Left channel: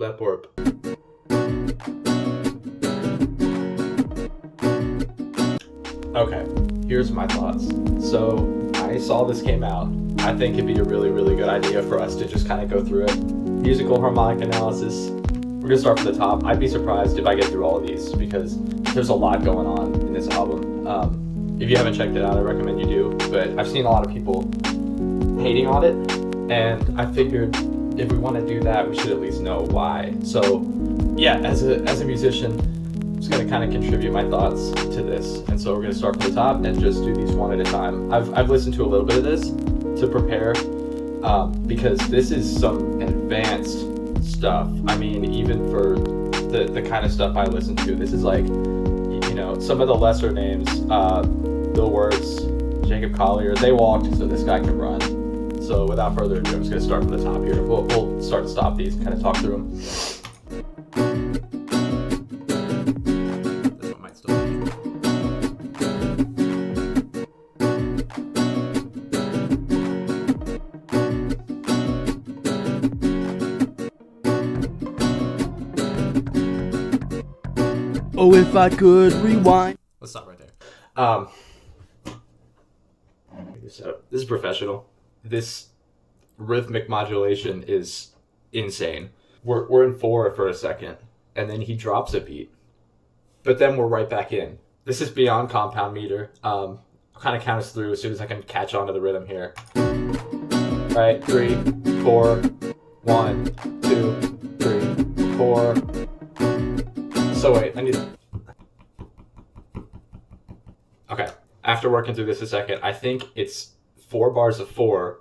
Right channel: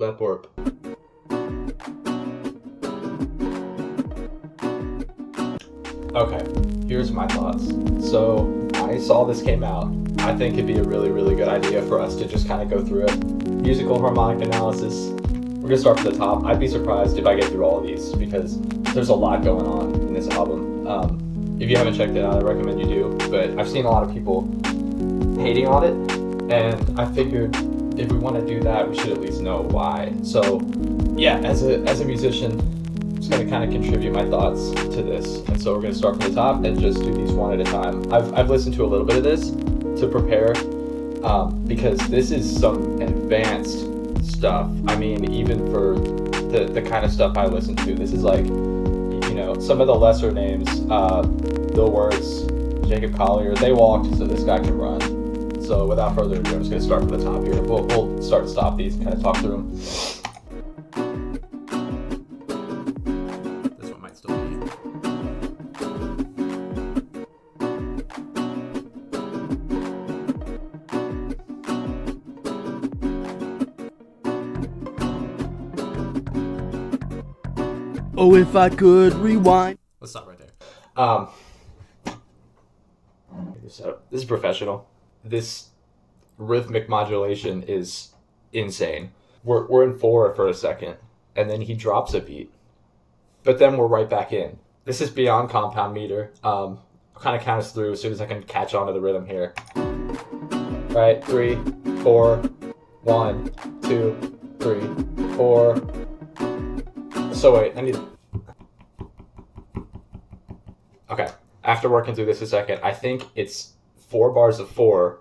Lap warp. Okay, here's my thoughts. So I saw this came out. I think it'd be a really, really good idea for us to just kind of go through it. Musical harmonic analysis. We're gonna start from the top. I'd be surprised if I get through all of these because there's a lot going on in this album. If you haven't checked it out, I recommend you do. But I've seen a lot of people hating on it, and I figured if we want to do that, we should at least know why. So yeah, as a musician, I'm just gonna kind of contribute my thoughts to this. And so we're gonna start from the top and just do these one at a time. I've listened to a little bit of this to prepare because this is some advanced stuff. I mean, even for the kind of stuff I listen to, this is like, you know, some of the lesser names, Bill Wirtz, Jacob Collier, they walked so this guy can run. So without further ado, I'm just going to start from the top here. We'll start and stop these and kind of talk through them. This one might still be. Oh, if I could rewind. Let's stop right there. This is professional. This rhythmic modulation is insane. We're in 4 for a second, and then he drops a beat, but then we're right back in. This is beyond compound meter. I'll kind of count us through as soon as I can catch on to the rhythm here. Right, 3, 4, 1, 2, 3, 4. So wait, I need. Okay, after working through this a second, I think it's 4 bars of 4,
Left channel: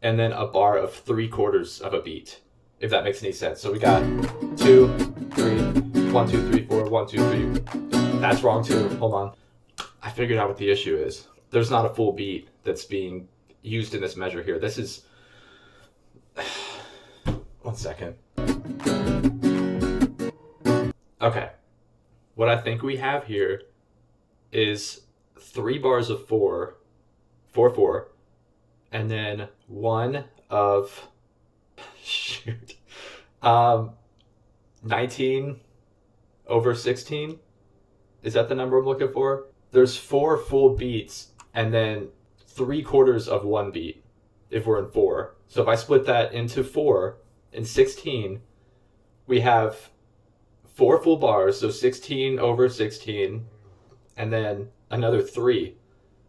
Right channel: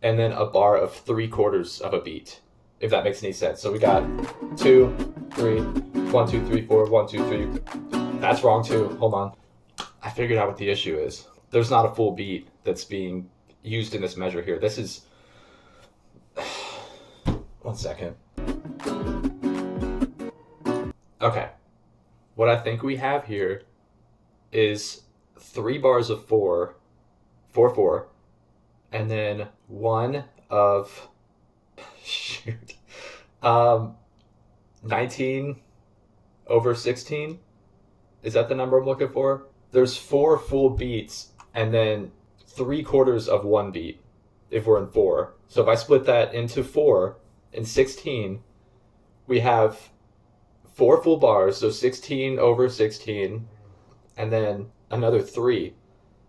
and then a bar of 3/4 of a beat, if that makes any sense. So we got 2, 3, 1, 2, 3, 4, 1, 2, 3. That's wrong too. Hold on. I figured out what the issue is. There's not a full beat that's being used in this measure here. This is. 1 second. Okay. What I think we have here is 3 bars of 4, 4, 4, and then 1 of, 19 over 16. Is that the number I'm looking for? There's 4 full beats and then 3/4 of 1 beat if we're in 4. So if I split that into 4 and 16, we have 4 full bars, so 16 over 16, and then another 3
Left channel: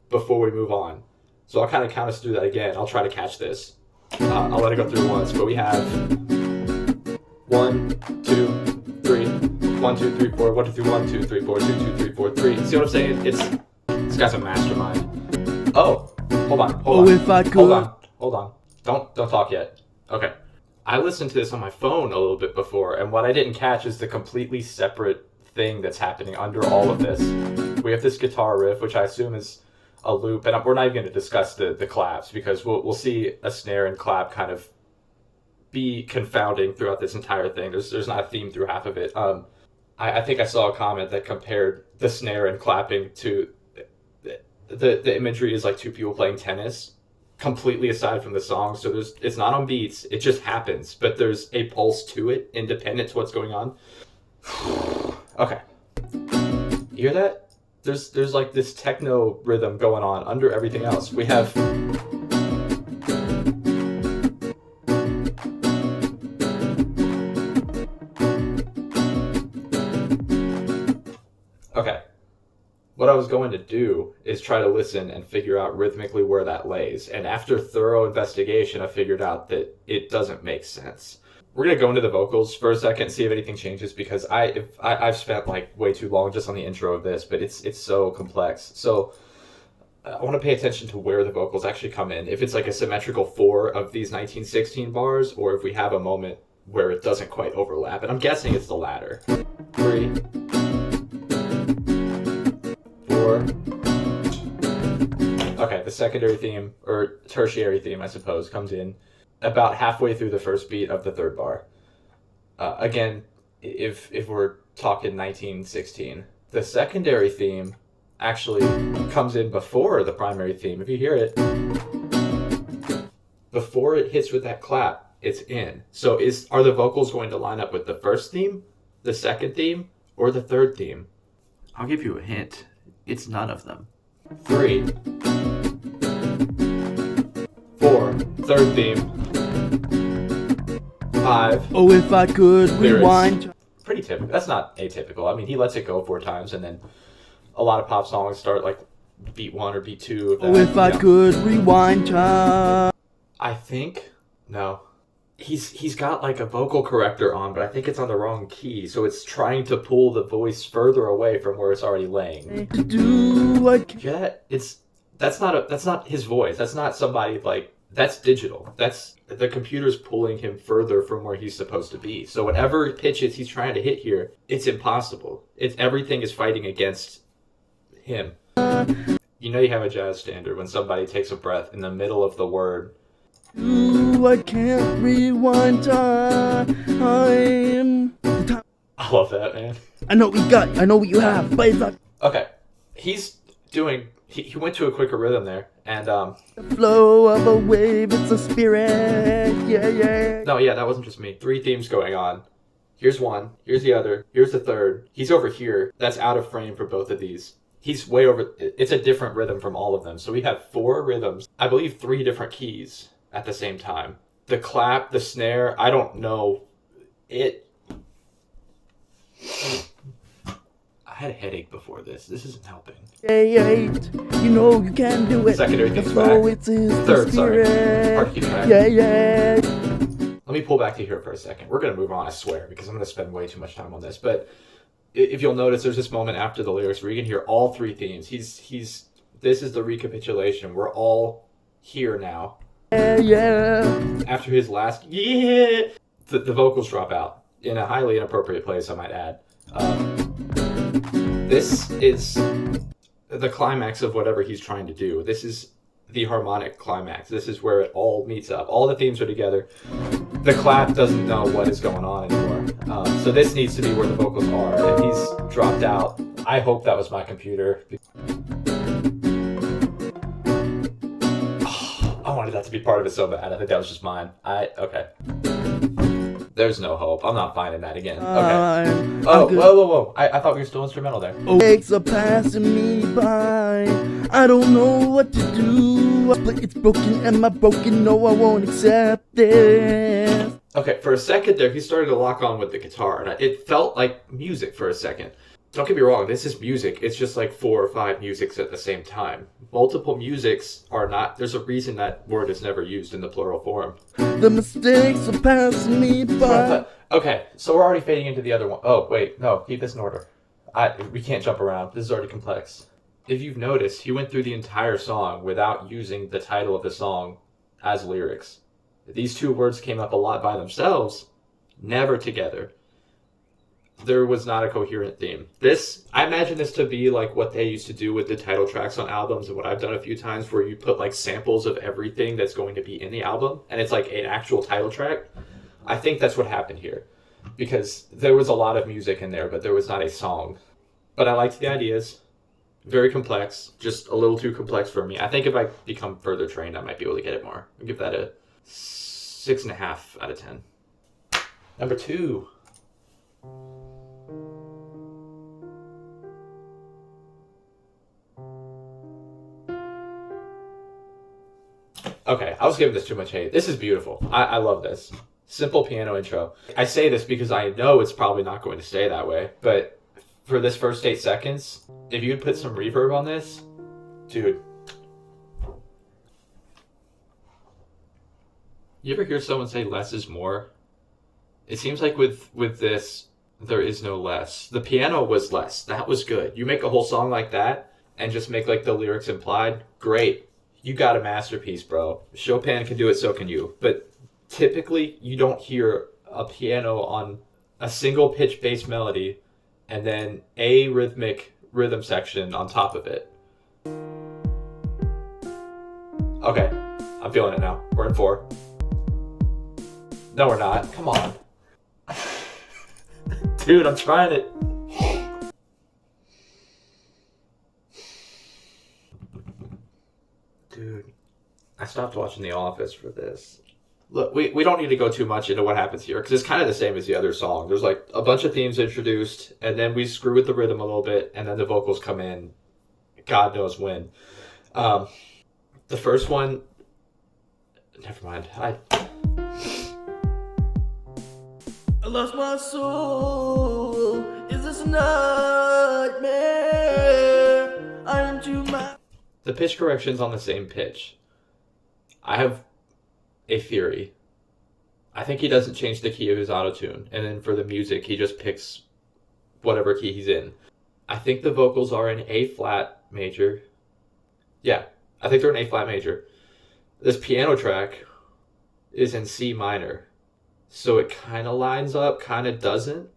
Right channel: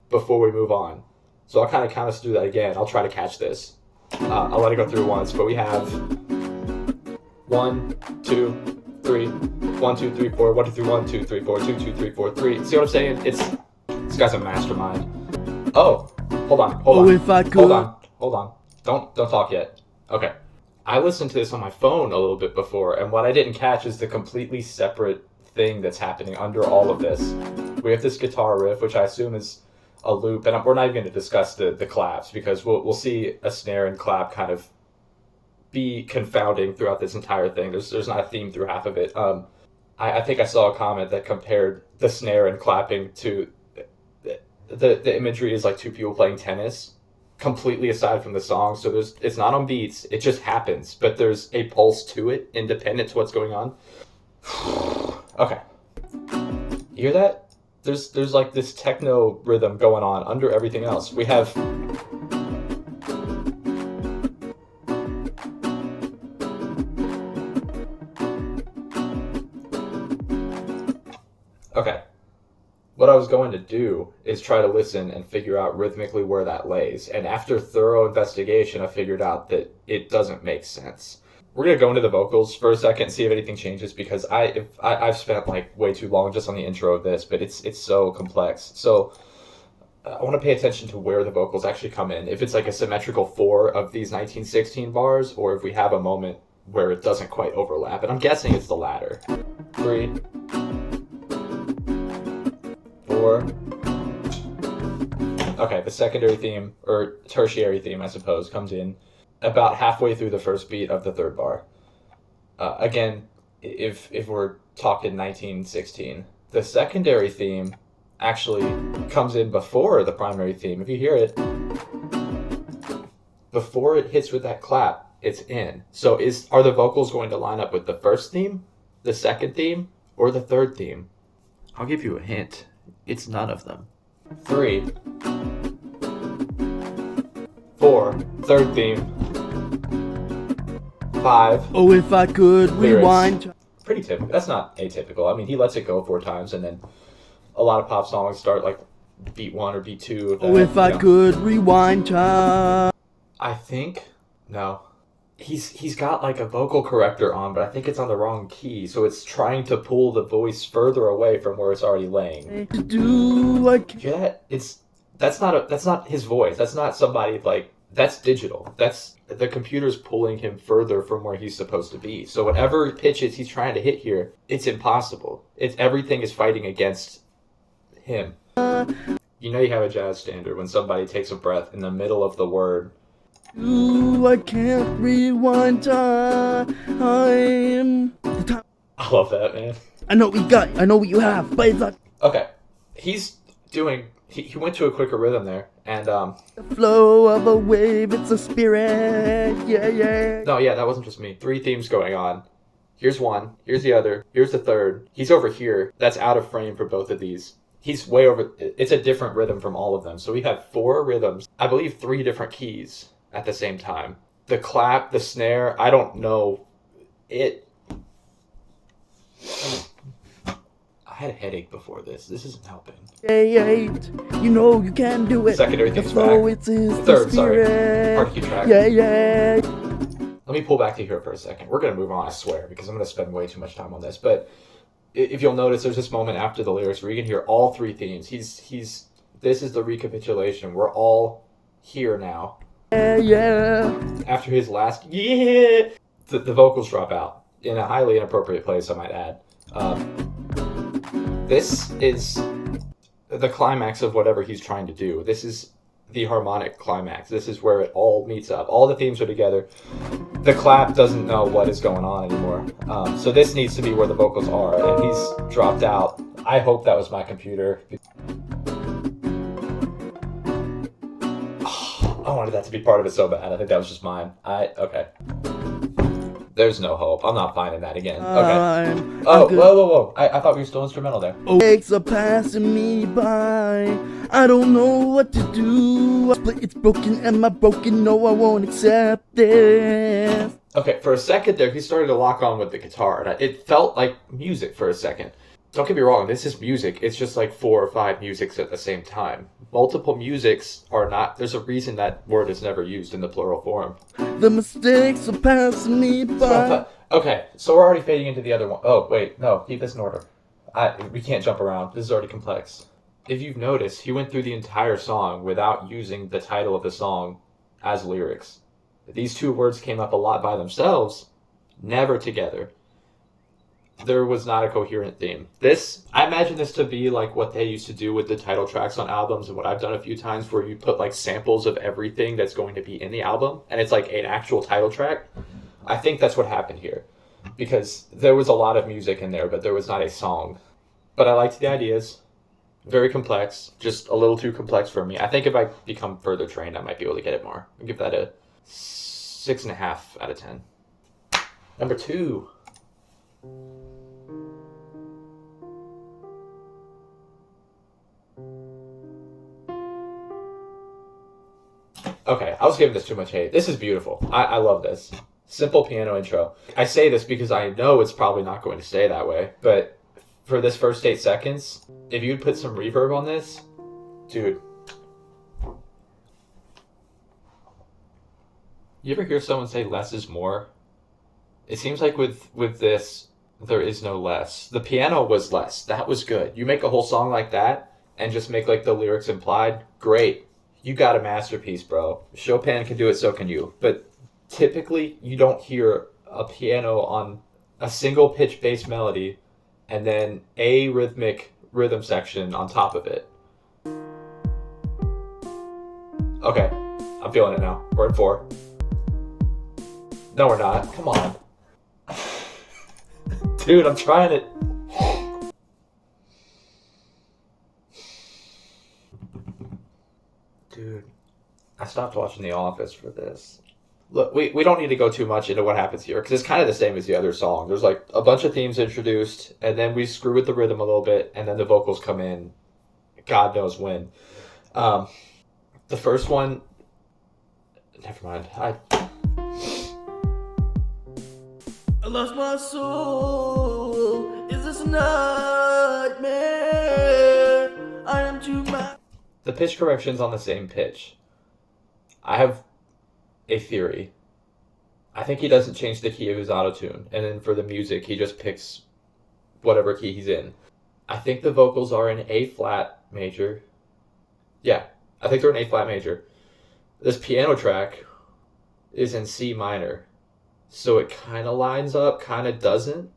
before we move on. So I'll kind of count us through that again. I'll try to catch this. I'll let it go through once, but we have 1, 2, 3, 1, 2, 3, 4, 1, 2, 3, 1, 2, 3, 4, 2, 2, 3, 4, 3. See what I'm saying? This guy's a mastermind. Oh, hold on. If I could. Hold on. Don't talk yet. Okay. I listened to this on my phone a little bit before, and what I didn't catch is the completely separate thing that's happening under all of this. We have this guitar riff, which I assume is a loop, and we're not even going to discuss the claps because we'll see a snare and clap kind of be confounding throughout this entire thing. There's not a theme through half of it. I think I saw a comment that compared the snare and clapping to the imagery is like 2 people playing tennis, completely aside from the song. So it's not on beats, it just happens, but there's a pulse to it independent to what's going on. Okay, you hear that? There's like this techno rhythm going on under everything else. We have okay. What I was going to do is try to listen and figure out rhythmically where that lays. And after thorough investigation, I figured out that it doesn't make sense. We're going to go into the vocals for a second and see if anything changes because I've spent like way too long just on the intro of this, but it's so complex. So I want to pay attention to where the vocals actually come in. If it's like a symmetrical 4 of these 1916 bars, or if we have a moment where it doesn't quite overlap. And I'm guessing it's the latter. 3, 4. Okay, the secondary theme, or tertiary theme, I suppose, comes in about halfway through the first beat of the 3rd bar. Again, if we're talking 1916. The secondary theme actually comes in before the primary theme. If you hear it, before it hits with that clap, it's in. So are the vocals going to line up with the first theme, the second theme, or the third theme? I'll give you a hint. It's none of them. 3, 4, third theme. 5. Oh, if I could lyrics. rewind. Pretty typical. That's not atypical. I mean, he lets it go 4 times, and then a lot of pop songs start like beat 1 or beat 2. Oh, if I could rewind time. I think no. He's got like a vocal corrector on, but I think it's on the wrong key, so it's trying to pull the voice further away from where it's already laying. That's not his voice. That's not somebody like that's digital. That's the computer's pulling him further from where he's supposed to be. So whatever pitches he's trying to hit here, it's impossible. Everything is fighting against him. You know you have a jazz standard when somebody takes a breath in the middle of the word. I can't rewind time. I love that, man. I know what you have, but it's not. Okay. He's doing he went to a quicker rhythm there, and The flow of a wave, it's a spirit. Yeah. No, yeah, that wasn't just me. 3 themes going on. Here's one, here's the other, here's the third. He's over here. That's out of frame for both of these. He's way over. It's a different rhythm from all of them. So we have 4 rhythms. I believe 3 different keys at the same time. The clap, the snare, I don't know. I had a headache before this. This isn't helping. You know you can do it. Secondary The keys flow, back. it's the Third, sorry. spirit. Part key track. Yeah. Let me pull back to here for a second. We're going to move on, I swear, because I'm going to spend way too much time on this. But if you'll notice, there's this moment after the lyrics where you can hear all 3 themes. This is the recapitulation. We're all here now. Yeah. After his last the vocals drop out in a highly inappropriate place, I might add. This is the climax of whatever he's trying to do. This is the harmonic climax. This is where it all meets up. All the themes are together. The clap doesn't know what is going on anymore. So this needs to be where the vocals are, and he's dropped out. I hope that was my computer. I wanted that to be part of it so bad. I think that was just mine. Okay. There's no hope. I'm not finding that again. Okay. Whoa. I thought we were still instrumental there. Legs are passing me by. I don't know what to do. But it's broken. Am I broken? No, I won't accept this. Okay, for a second there, he started to lock on with the guitar. And it felt like music for a second. Don't get me wrong, this is music. It's just like 4 or 5 musics at the same time. Multiple musics are not... There's a reason that word is never used in the plural form. The mistakes are passing me by. Okay, so we're already fading into the other one. Oh, wait, no, keep this in order. We can't jump around. This is already complex. If you've noticed, he went through the entire song without using the title of the song as lyrics. These 2 words came up a lot by themselves, never together. There was not a coherent theme. I imagine this to be like what they used to do with the title tracks on albums, and what I've done a few times where you put like samples of everything that's going to be in the album, and it's like an actual title track. I think that's what happened here, because there was a lot of music in there, but there was not a song. But I liked the ideas. Very complex, just a little too complex for me. I think if I become further trained, I might be able to get it more. I'll give that a 6.5 out of 10. Number 2. Okay, I was giving this too much hate. This is beautiful. I love this. Simple piano intro. I say this because I know it's probably not going to stay that way, but for this first 8 seconds, if you'd put some reverb on this, dude. You ever hear someone say less is more? It seems like with this, there is no less. The piano was less. That was good. You make a whole song like that and just make like the lyrics implied, great. You got a masterpiece, bro. Chopin can do it, so can you. But typically, you don't hear a piano on a single pitch bass melody and then a rhythmic rhythm section on top of it. Okay, I'm feeling it now. We're at 4. No, we're not. Come on. Dude, I'm trying it. Dude, I stopped watching The Office for this. look, we don't need to go too much into what happens here because it's kind of the same as the other song. There's like a bunch of themes introduced, and then we screw with the rhythm a little bit, and then the vocals come in. God knows when. The first one, never mind. I lost my soul. Is this a nightmare? I am too much. The pitch correction's on the same pitch. I have a theory. I think he doesn't change the key of his auto-tune, and then for the music, he just picks whatever key he's in. I think the vocals are in A flat major. Yeah, I think they're in A flat major. This piano track is in C minor. So it kind of lines up, kind of doesn't.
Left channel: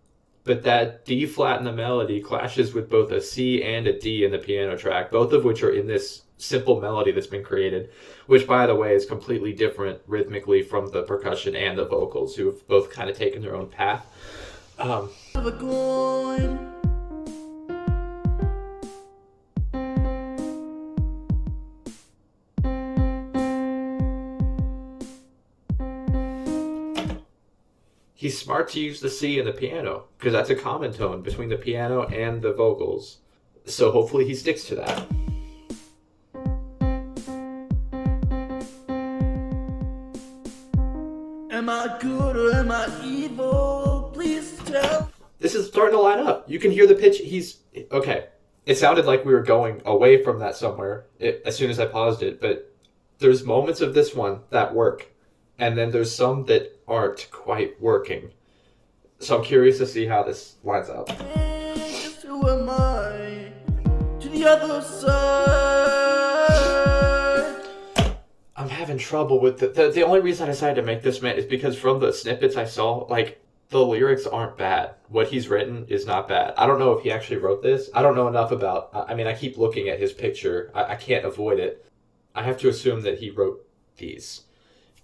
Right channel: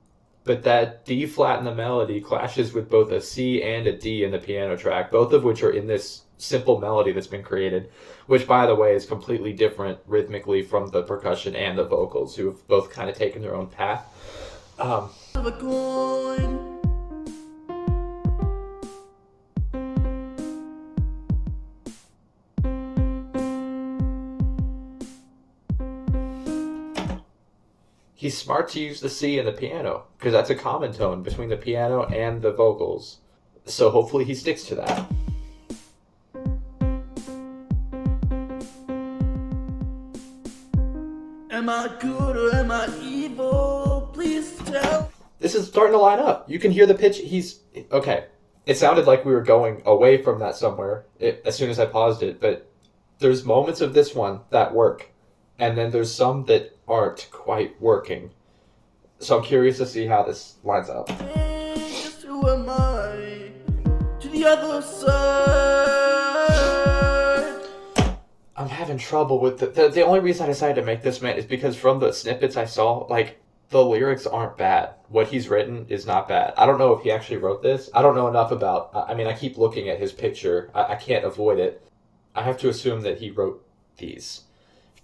But that D flat in the melody clashes with both a C and a D in the piano track, both of which are in this simple melody that's been created, which, by the way, is completely different rhythmically from the percussion and the vocals, who have both kind of taken their own path. Of a coin. He's smart to use the C in the piano, because that's a common tone between the piano and the vocals. So hopefully he sticks to that. Am I good or am I evil? Please tell. This is starting to line up. You can hear the pitch. Okay. It sounded like we were going away from that somewhere as soon as I paused it, but there's moments of this one that work, and then there's some that aren't quite working. So I'm curious to see how this lines up. Just who am I? To the other side. I'm having trouble with the only reason I decided to make this man is because from the snippets I saw, like, the lyrics aren't bad. What he's written is not bad. I don't know if he actually wrote this. I don't know enough about, I mean, I keep looking at his picture. I can't avoid it. I have to assume that he wrote these.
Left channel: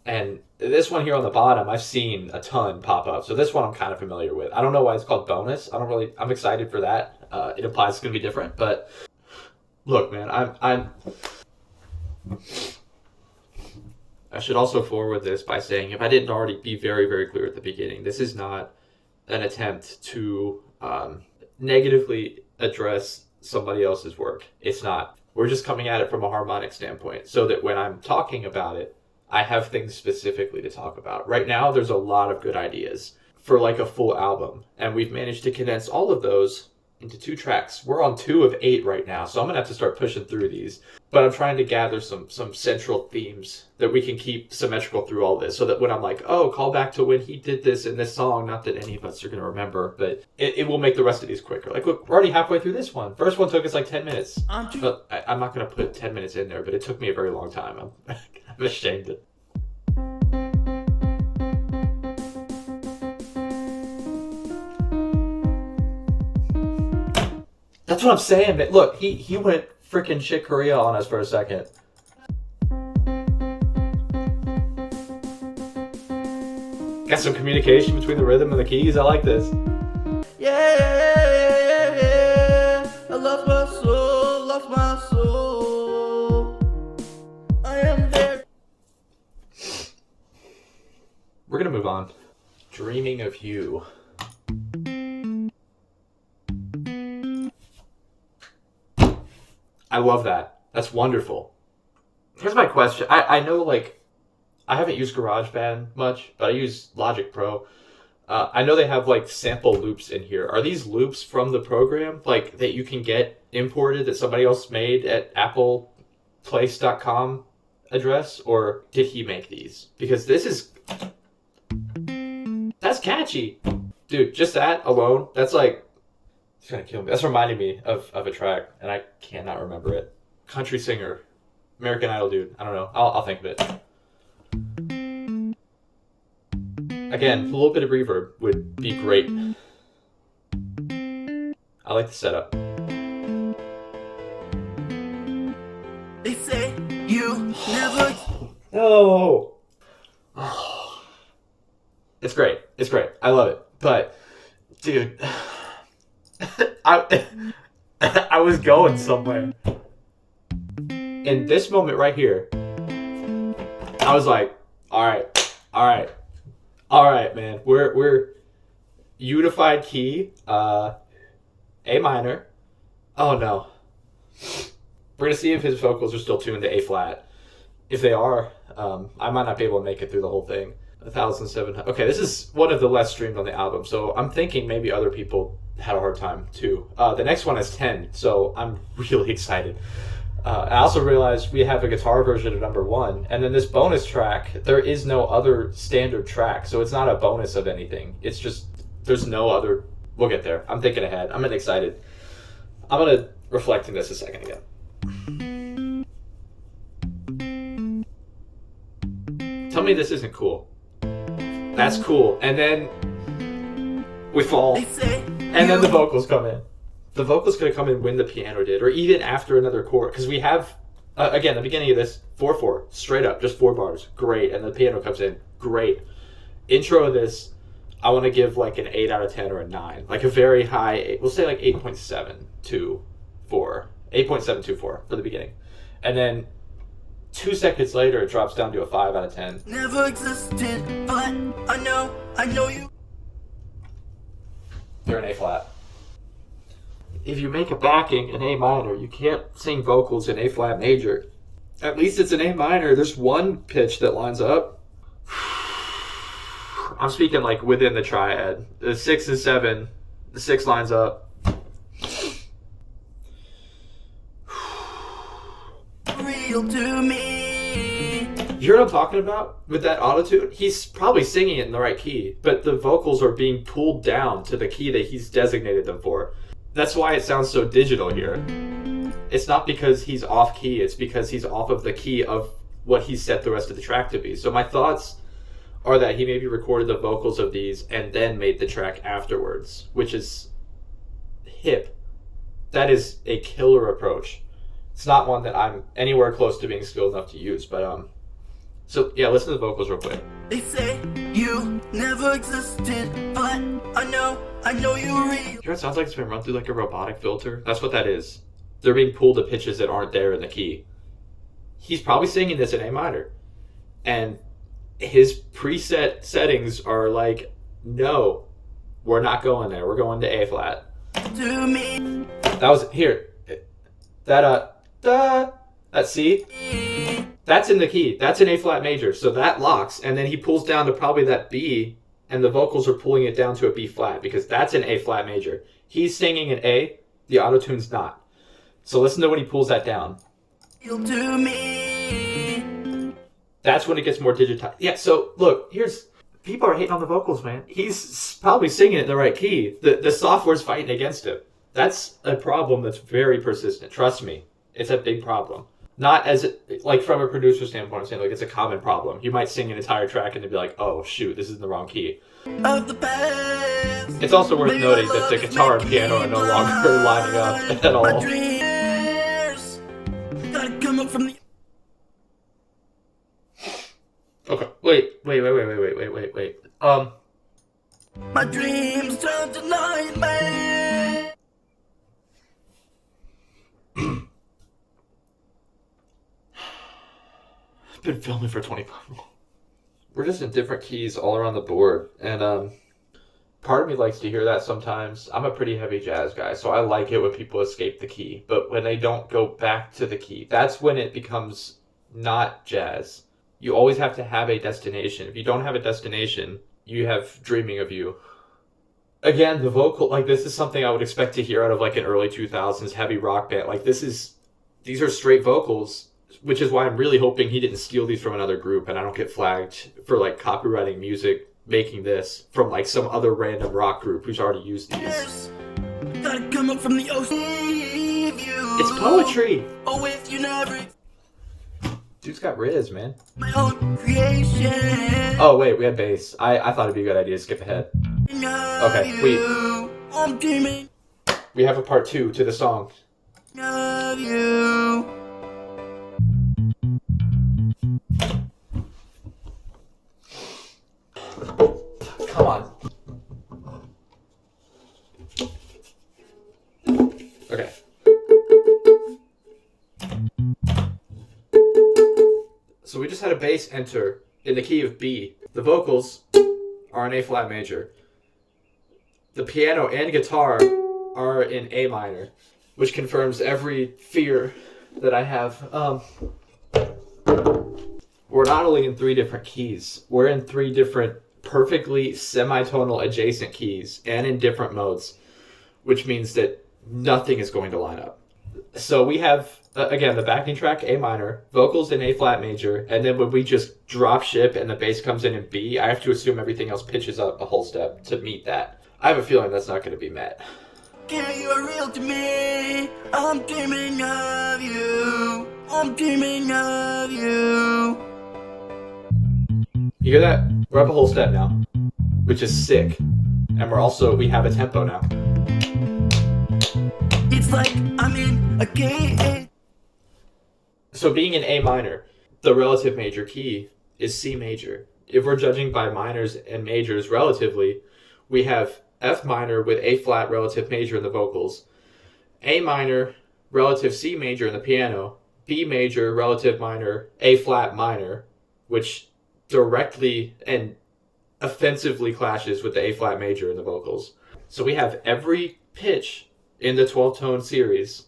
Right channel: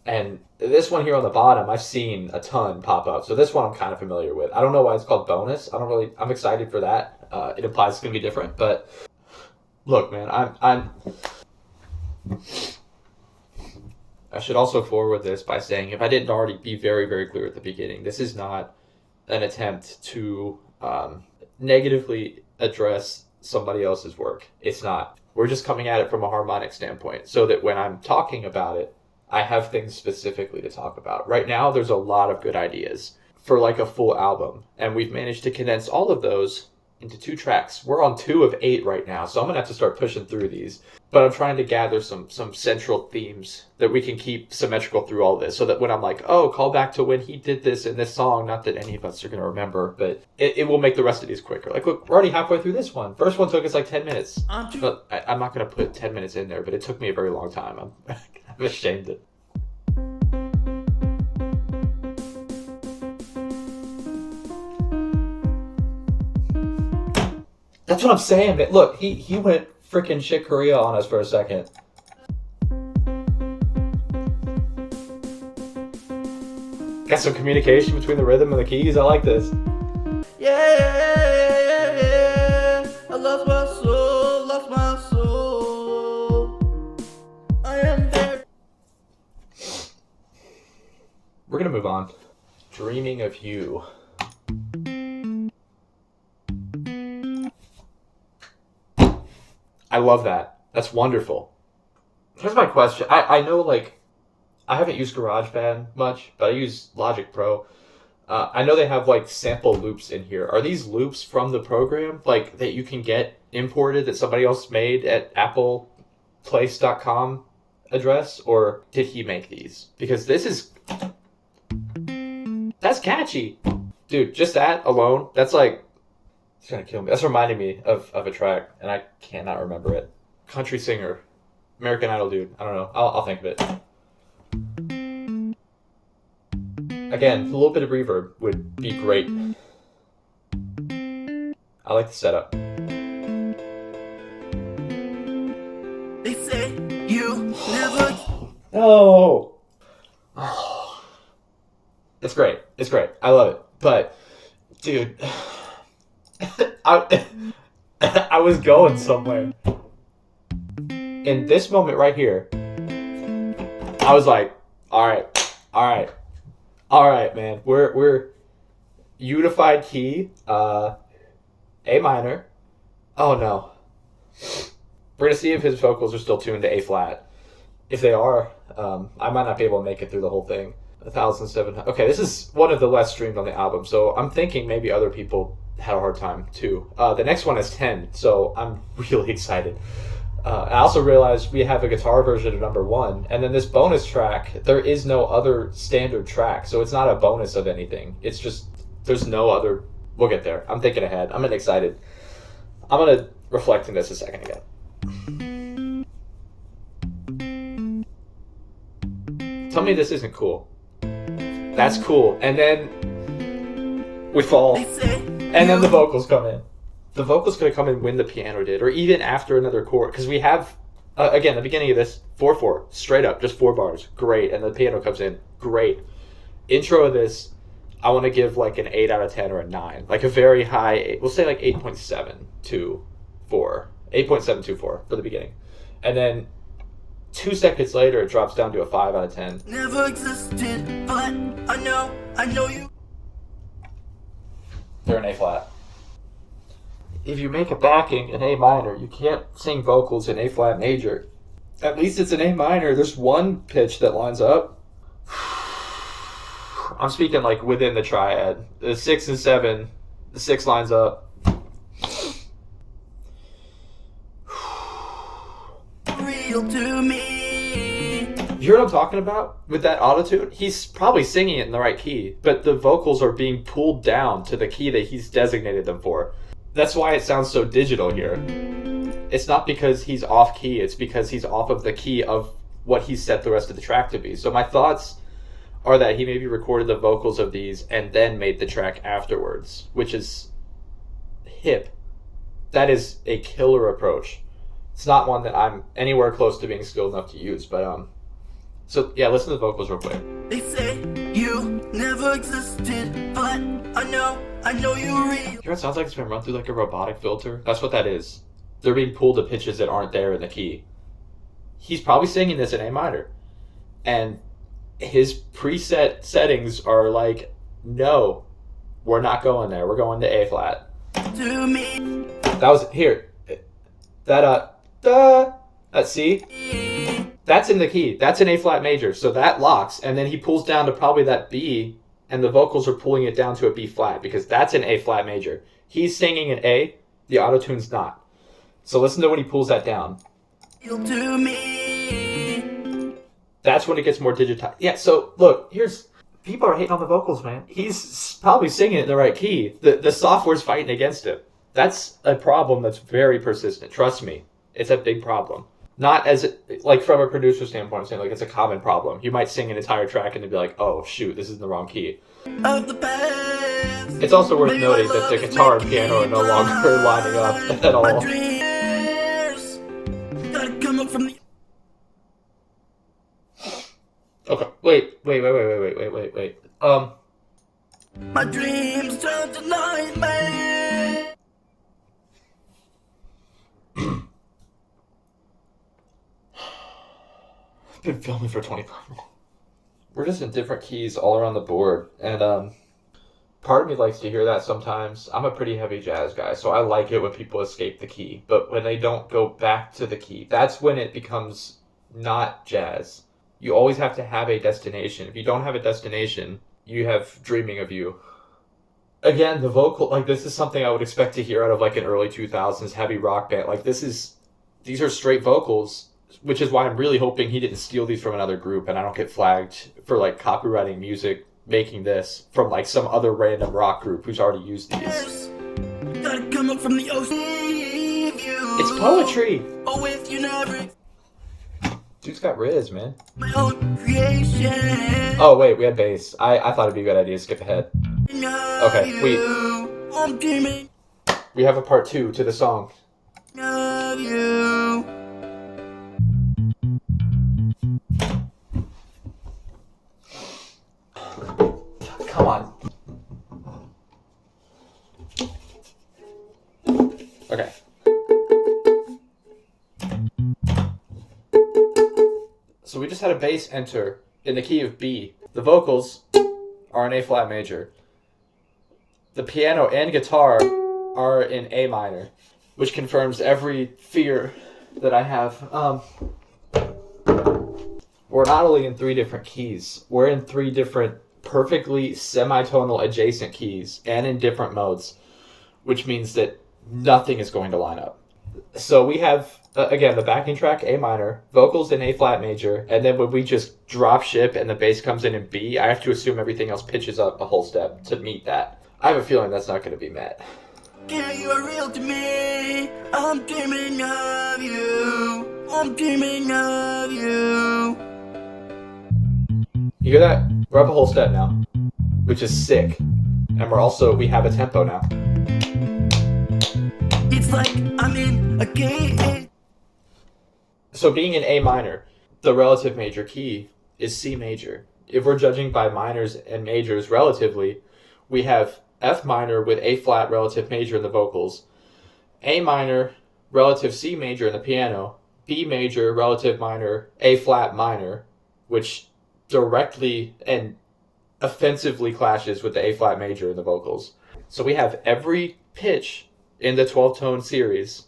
And this one here on the bottom, I've seen a ton pop up. So this one I'm kind of familiar with. I don't know why it's called bonus. I'm excited for that. It implies it's going to be different. But look, man, I should also forward this by saying, if I didn't already be very, very clear at the beginning, this is not an attempt to negatively address somebody else's work. It's not. We're just coming at it from a harmonic standpoint so that when I'm talking about it, I have things specifically to talk about. Right now, there's a lot of good ideas for like a full album, and we've managed to condense all of those into 2 tracks. We're on 2 of 8 right now, so I'm gonna have to start pushing through these. But I'm trying to gather some central themes that we can keep symmetrical through all this, so that when I'm like, oh, call back to when he did this in this song, not that any of us are gonna remember, but it will make the rest of these quicker. Like, look, we're already halfway through this one. First one took us like 10 minutes. But I'm not gonna put 10 minutes in there, but it took me a very long time. I'm ashamed of it. That's what I'm saying, man. Look, he went freaking Chick Corea on us for a second. Got some communication between the rhythm and the keys. I like this. Yeah, I lost my soul. I am there. We're gonna move on. Dreaming of You. I love that. That's wonderful. Here's my question. I know, like, I haven't used GarageBand much, but I use Logic Pro. I know they have, like, sample loops in here. Are these loops from the program, like, that you can get imported that somebody else made at appleplace.com address? Or did he make these? Because this is... That's catchy. Dude, just that alone, that's like... It's gonna kill me. That's reminding me of a track, and I cannot remember it. Country singer. American Idol dude. I don't know. I'll think of it. Again, a little bit of reverb would be great. I like the setup. They say you never. Oh. It's great. It's great. I love it. But, dude... I was going somewhere. In this moment right here, I was like, all right, All right, man. We're unified key, A minor. Oh no. We're gonna see if his vocals are still tuned to A flat. If they are, I might not be able to make it through the whole thing. 1,700. Okay, this is one of the less streamed on the album, so I'm thinking maybe other people had a hard time too. The next one is 10, so I'm really excited. I also realized we have a guitar version of number 1, and then this bonus track, there is no other standard track, so it's not a bonus of anything. It's just, there's no other. We'll get there. I'm thinking ahead. I'm excited. I'm gonna reflect in this a second again. Tell me this isn't cool. That's cool. And then we fall. And then the vocals come in. The vocals could have come in when the piano did, or even after another chord. Because we have, again, the beginning of this, 4/4, straight up, just 4 bars. Great. And the piano comes in. Great. Intro of this, I want to give like an 8 out of 10 or a 9. Like a very high, we'll say like 8.724. 8.724 for the beginning. And then 2 seconds later, it drops down to a 5 out of 10. Never existed, but I know you. They're in A flat. If you make a backing in A minor, you can't sing vocals in A flat major. At least it's in A minor. There's one pitch that lines up. I'm speaking like within the triad. The 6 and 7, the 6 lines up. Real to me. You hear what I'm talking about with that autotune? He's probably singing it in the right key, but the vocals are being pulled down to the key that he's designated them for. That's why it sounds so digital here. It's not because he's off key, it's because he's off of the key of what he's set the rest of the track to be. So my thoughts are that he maybe recorded the vocals of these and then made the track afterwards, which is hip. That is a killer approach. It's not one that I'm anywhere close to being skilled enough to use, but so yeah, listen to the vocals real quick. They say you never existed, but I know you're real. You know, it sounds like it's been run through like a robotic filter. That's what that is. They're being pulled to pitches that aren't there in the key. He's probably singing this in A minor, and his preset settings are like, no, we're not going there. We're going to A flat. To me. That was here. That C. That's in the key. That's an A flat major. So that locks, and then he pulls down to probably that B, and the vocals are pulling it down to a B flat because that's an A flat major. He's singing an A. The autotune's not. So listen to when he pulls that down. To me. That's when it gets more digitized. Yeah. So look, people are hating on the vocals, man. He's probably singing it in the right key. The software's fighting against him. That's a problem that's very persistent. Trust me, it's a big problem. Not as like from a producer standpoint, I'm saying like it's a common problem. You might sing an entire track and they'd be like, "Oh shoot, this is in the wrong key." Of the past. It's also worth noting that the guitar and piano are no longer lining up at all. My dreams gotta come up from the. Okay, wait. My dreams turn to nightmares. Been filming for 25 minutes. We're just in different keys all around the board, and part of me likes to hear that sometimes. I'm a pretty heavy jazz guy, so I like it when people escape the key, but when they don't go back to the key, that's when it becomes not jazz. You always have to have a destination. If you don't have a destination, you have Dreaming of You. Again, the vocal, like this is something I would expect to hear out of like an early 2000s heavy rock band. Like these are straight vocals, which is why I'm really hoping he didn't steal these from another group and I don't get flagged for like copywriting music, making this from like some other random rock group who's already used these. Gotta come up from the ocean. It's poetry. Oh, if you never. Dude's got Riz, man. My own creation. Oh wait, we had bass. I thought it'd be a good idea to skip ahead. Okay, I'm dreaming. we have a part 2 to the song. Of you. Come on. Okay. So we just had a bass enter in the key of B. The vocals are in A flat major. The piano and guitar are in A minor, which confirms every fear that I have. We're not only in 3 different keys, we're in 3 different perfectly semitonal adjacent keys and in different modes, which means that nothing is going to line up. So we have, again, the backing track, A minor, vocals in A flat major, and then when we just drop ship and the bass comes in B, I have to assume everything else pitches up a whole step to meet that. I have a feeling that's not going to be met. Yeah, you are real to me. I'm dreaming of you. I'm dreaming of you. You hear that? We're up a whole step now, which is sick. And we have a tempo now. It's like I'm in a game. So being in A minor, the relative major key is C major. If we're judging by minors and majors relatively, we have F minor with A flat relative major in the vocals, A minor relative C major in the piano, B major relative minor A flat minor, which directly and offensively clashes with the A flat major in the vocals. So we have every pitch in the 12-tone series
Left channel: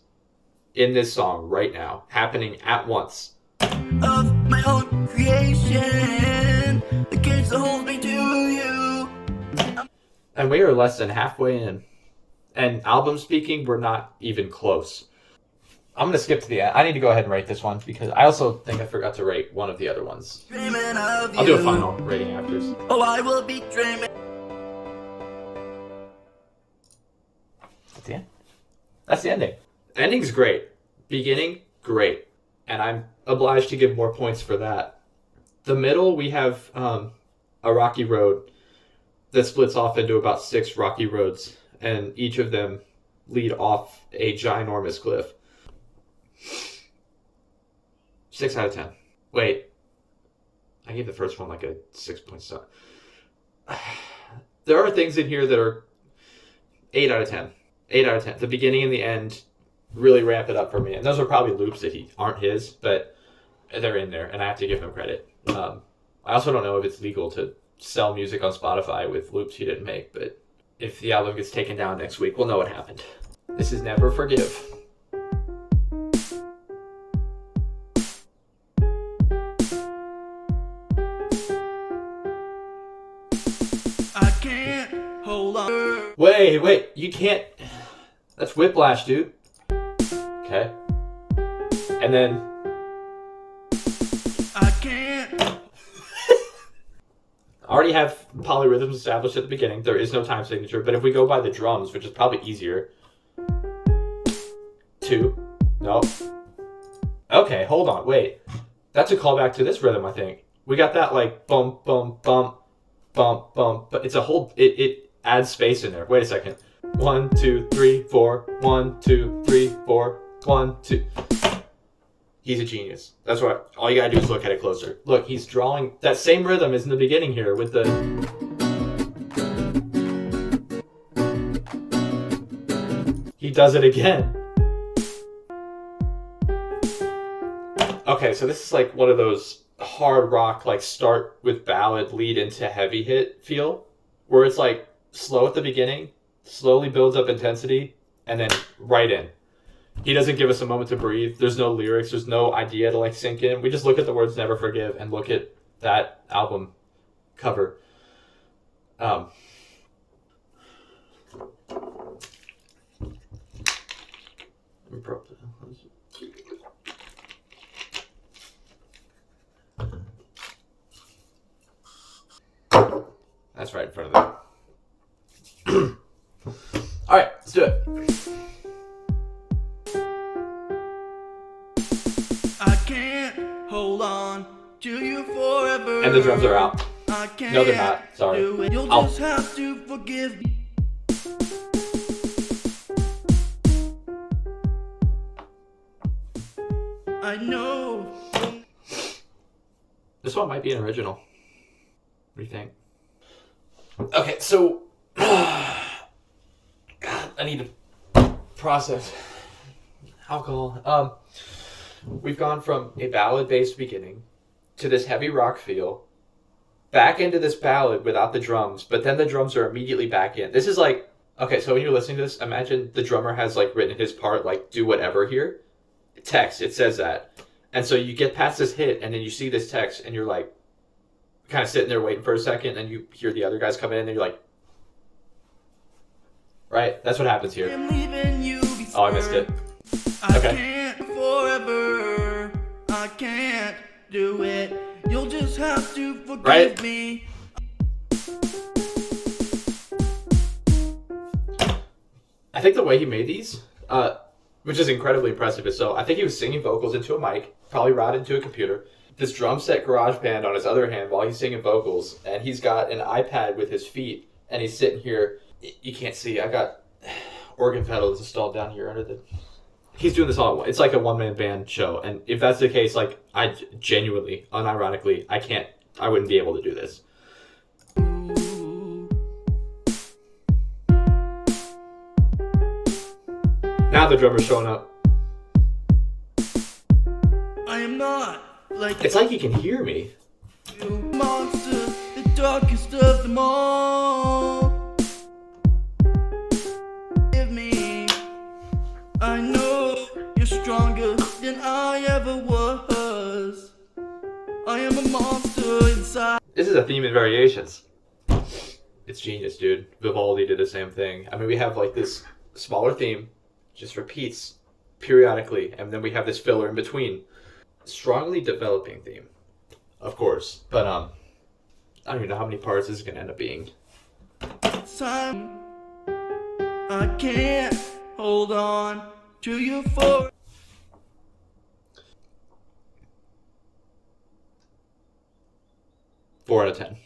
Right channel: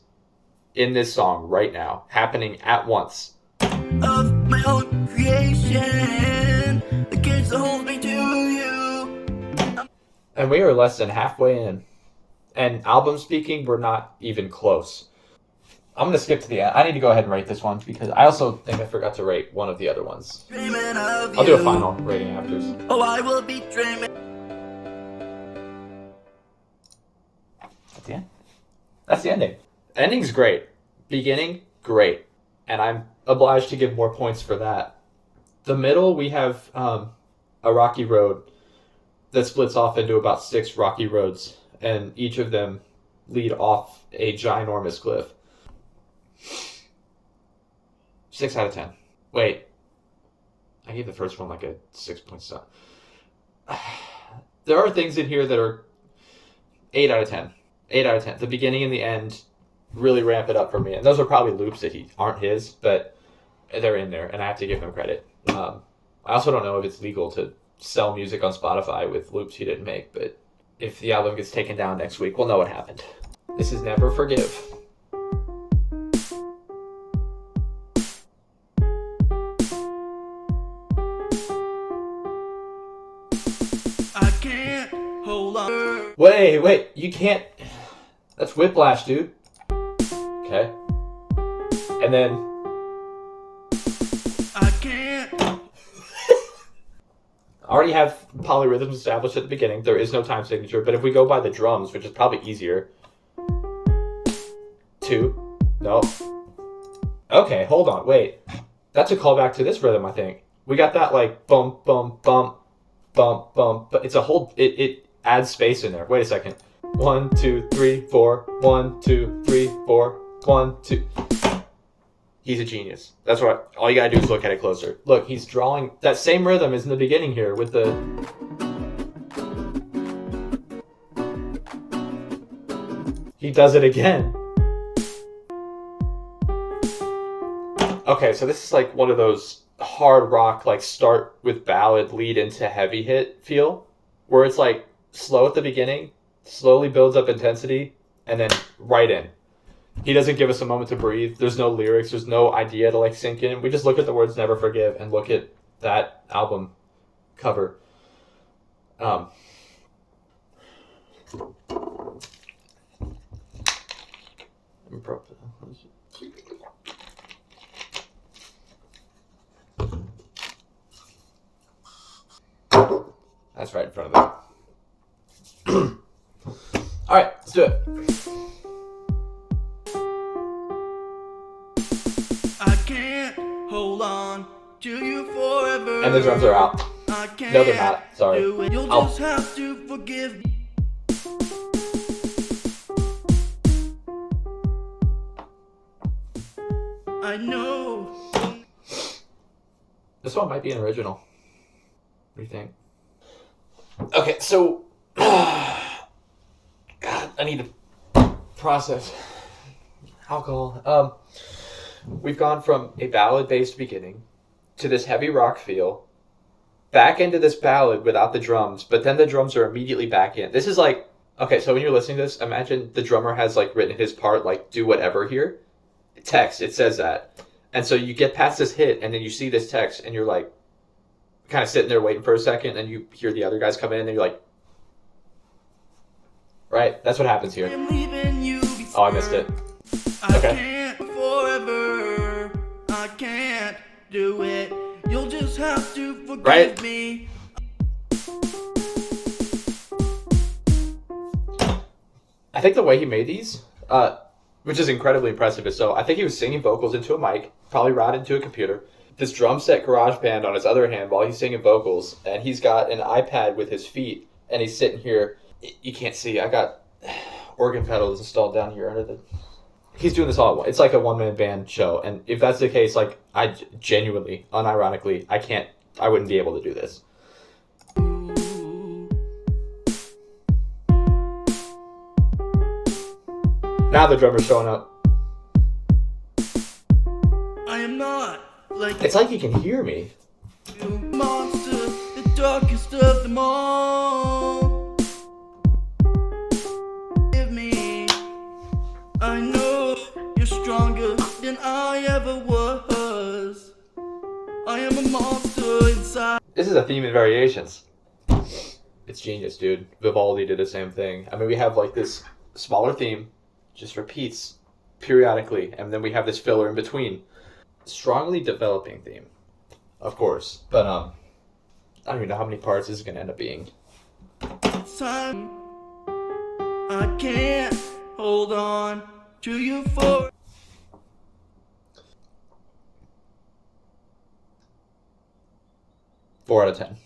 in this song right now, happening at once. Of my own creation, the kids that hold me to you. And we are less than halfway in. And album speaking, we're not even close. I'm going to skip to the end. I need to go ahead and rate this one because I also think I forgot to rate one of the other ones. Dreaming of I'll do a final rating after. Oh, I will be dreaming. That's the end. That's the ending. Ending's great. Beginning, great. And I'm obliged to give more points for that. The middle, we have a rocky road that splits off into about 6 rocky roads, and each of them lead off a ginormous cliff. 6 out of 10. Wait. I gave the first one like a 6.7. There are things in here that are 8 out of 10. 8 out of 10. The beginning and the end really ramp it up for me. And those are probably loops that aren't his, but they're in there, and I have to give him credit. I also don't know if it's legal to sell music on Spotify with loops he didn't make, but if the album gets taken down next week, we'll know what happened. This is Never Forgive. I can't hold on. Wait, you can't. That's Whiplash, dude. Okay. And then. I can't. I already have polyrhythms established at the beginning. There is no time signature, but if we go by the drums, which is probably easier. 2. Nope. Okay, hold on, wait. That's a callback to this rhythm, I think. We got that like bump, bump, bump, bump, bump, but it's a whole, it adds space in there. Wait a second. 1, 2, 3, 4. 1, 2, 3, 4. 1, 2. He's a genius. That's what all you gotta do is look at it closer. Look, he's drawing that same rhythm as in the beginning here with the. He does it again. Okay, so this is like one of those hard rock, like start with ballad, lead into heavy hit feel, where it's like slow at the beginning, slowly builds up intensity, and then right in. He doesn't give us a moment to breathe. There's no lyrics. There's no idea to like sink in. We just look at the words Never Forgive and look at that album cover. That's right in front of them. All right, let's do it. I can't hold on to you forever. And the drums are out. I can't No, they're not. Sorry. do it. You'll just have to forgive me. I know. This one might be an original. What do you think? Okay, so God, I need to process alcohol. We've gone from a ballad-based beginning to this heavy rock feel back into this ballad without the drums, but then the drums are immediately back in. This is like, okay, so when you're listening to this, imagine the drummer has like written his part, like do whatever here. Text, it says that. And so you get past this hit and then you see this text and you're like kind of sitting there waiting for a second and you hear the other guys come in and you're like, right? That's what happens here. Oh, I missed it. I can't forever. I can't do it. You'll just have to forgive me. I think the way he made these, which is incredibly impressive, is so I think he was singing vocals into a mic, probably routed into a computer. This drum set GarageBand on his other hand while he's singing vocals, and he's got an iPad with his feet, and he's sitting here. You can't see. I got organ pedals installed down here under the. He's doing this all at once. It's like a one-man band show, and if that's the case, like I genuinely, unironically, I wouldn't be able to do this. Now the drummer's showing up. I am not like it's like he can hear me. You monster, the darkest of them all. Give me. I know you're stronger than I ever was. I am a monster inside. This is a theme in variations. It's genius, dude. Vivaldi did the same thing. I mean, we have like this smaller theme, just repeats periodically, and then we have this filler in between. Strongly developing theme, of course, but I don't even know how many parts this is going to end up being. Time. I can't hold on to you for. Four out of 10.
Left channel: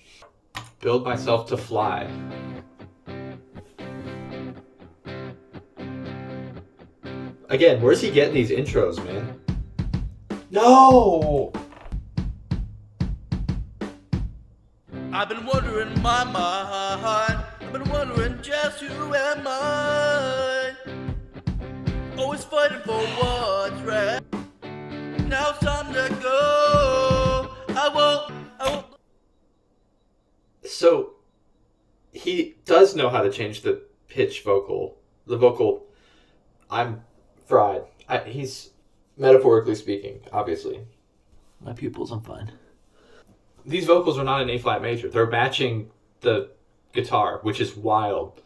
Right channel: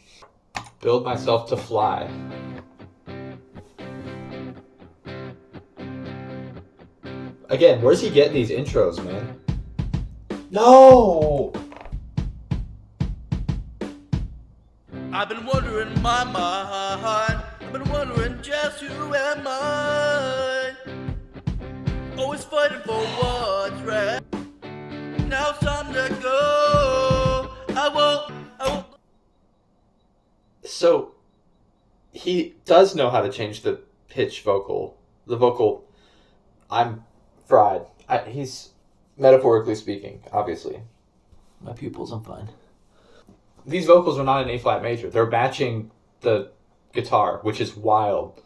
Build myself to fly. Again, where's he getting these intros, man? No! I've been wondering in my mind. I've been wondering just who am I? Always fighting for what's right. Now it's time to go. I won't. So, he does know how to change the pitch vocal. The vocal, I'm fried. He's, metaphorically speaking, obviously. My pupils, I'm fine. These vocals are not an A-flat major. They're matching the guitar, which is wild.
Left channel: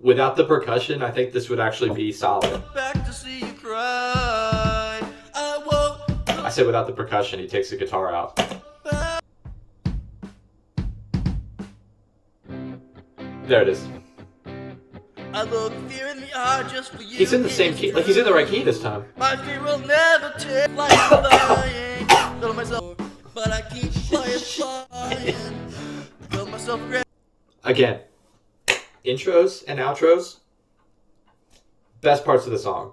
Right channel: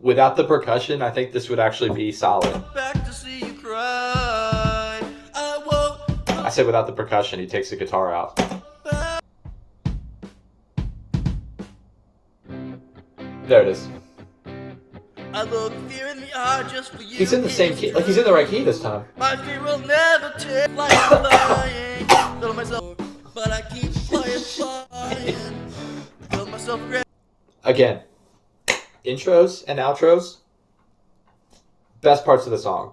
Without the percussion, I think this would actually be solid. Back to see you cry. I say without the percussion, he takes the guitar out. There it is. I look fear in the eye just for you. He's in the same key. Like, he's in the right key this time. My fear will never take flying. Feel myself, but I keep flying. Feel myself great. Again, intros and outros, best parts of the song.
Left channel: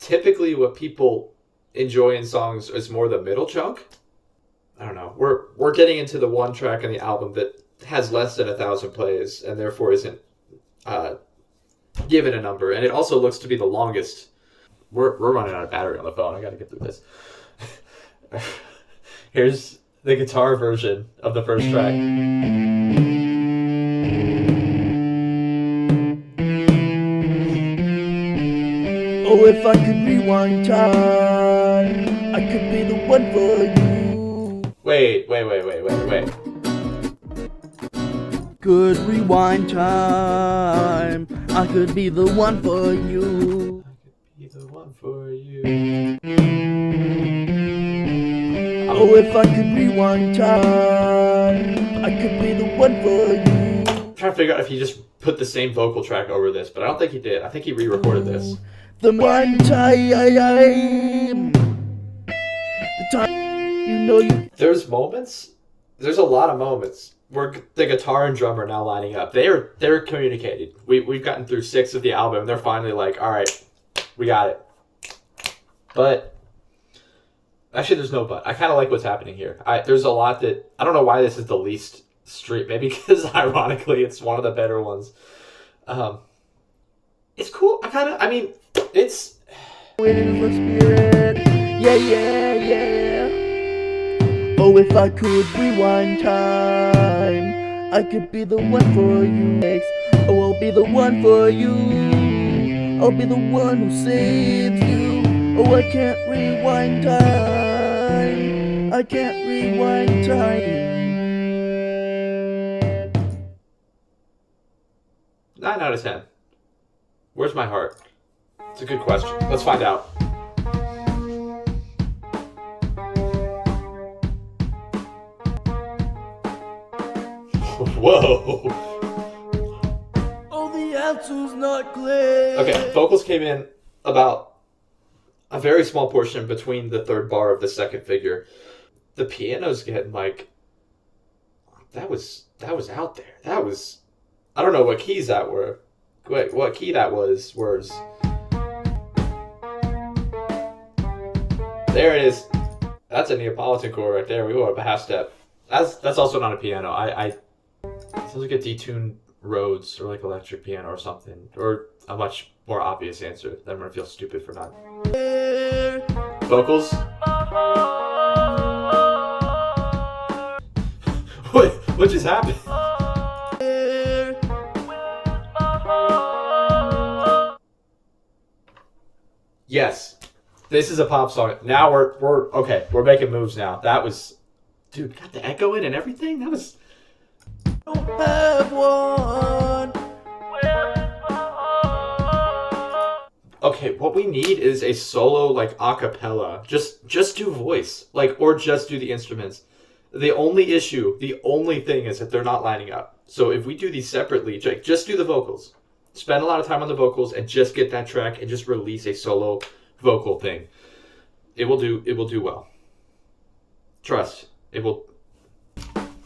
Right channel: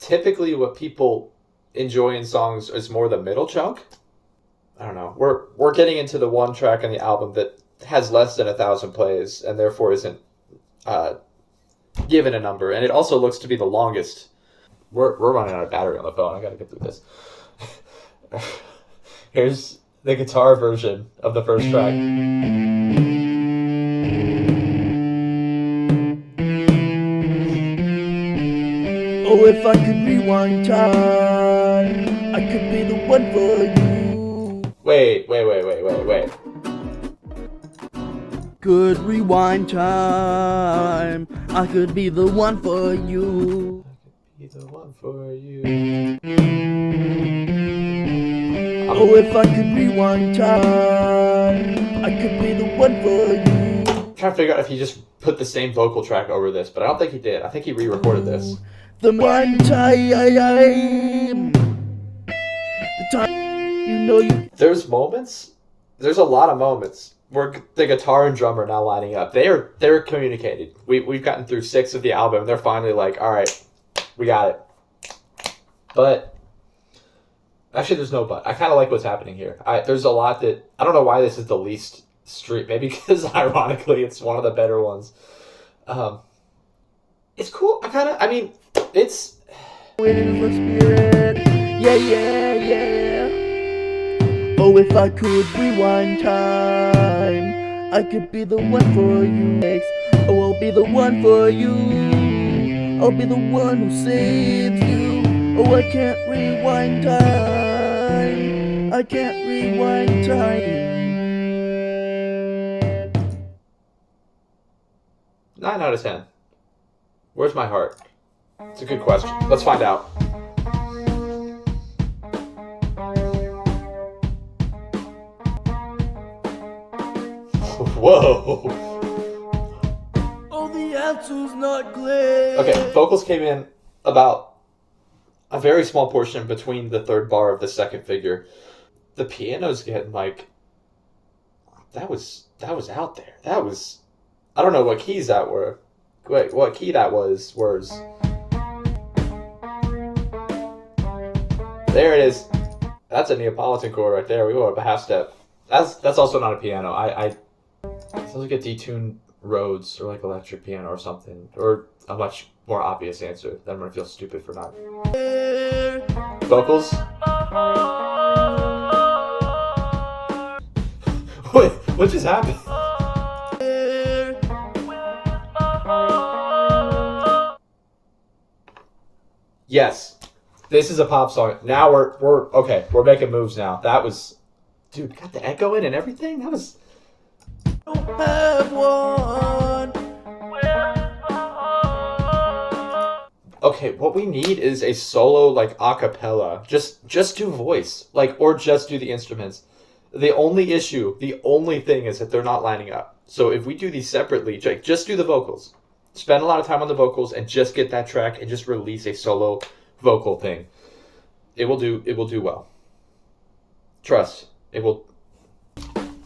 Typically, what people enjoy in songs is more the middle chunk. I don't know. We're getting into the one track on the album that has less than 1,000 plays and therefore isn't given a number, and it also looks to be the longest. We're running out of battery on the phone. I gotta get through this. Here's the guitar version of the first track. Oh, if I could rewind time, I could be the one for you. Wait. Could rewind time, I could be the one for you. I could be the one for you. Oh, if I could rewind time, I could be the one for you. I'm trying to figure out if he just put the same vocal track over this, but I don't think he did. I think he re-recorded this. The one time, the time, you know you. There's a lot of moments where the guitar and drum are now lining up. They're communicated. We've gotten through 6 of the album. They're finally like, all right, we got it. But actually, there's no but. I kind of like what's happening here. There's a lot that I don't know why this is the least street. Maybe because ironically, it's one of the better ones. It's cool. It's. Yeah. Oh, if I could rewind time. I could be the one for you. Oh, I'll be the one for you. I'll be the one who saves you. Oh, I can't rewind time. I can't rewind time. 9 out of 10. Where's my heart? It's a good question. Let's find out. Whoa. Oh, the answer's not clear. Okay, vocals came in about a very small portion between the third bar of the second figure. The piano's getting like, that was out there. That was, I don't know what keys that were. What key that was. There it is. That's a Neapolitan chord right there. We go up a half step. That's also not a piano. It sounds like a detuned Rhodes or like electric piano or something, or a much more obvious answer that I'm gonna feel stupid for not. Vocals. Wait, what just happened? Yes, this is a pop song. Now we're okay. We're making moves now. That was, dude, got the echo in and everything. That was. Don't have one. Okay, what we need is a solo like a cappella. Just do voice, like, or just do the instruments. The only thing is that they're not lining up. So if we do these separately, just do the vocals. Spend a lot of time on the vocals and just get that track and just release a solo vocal thing. It will do well. Trust. It will.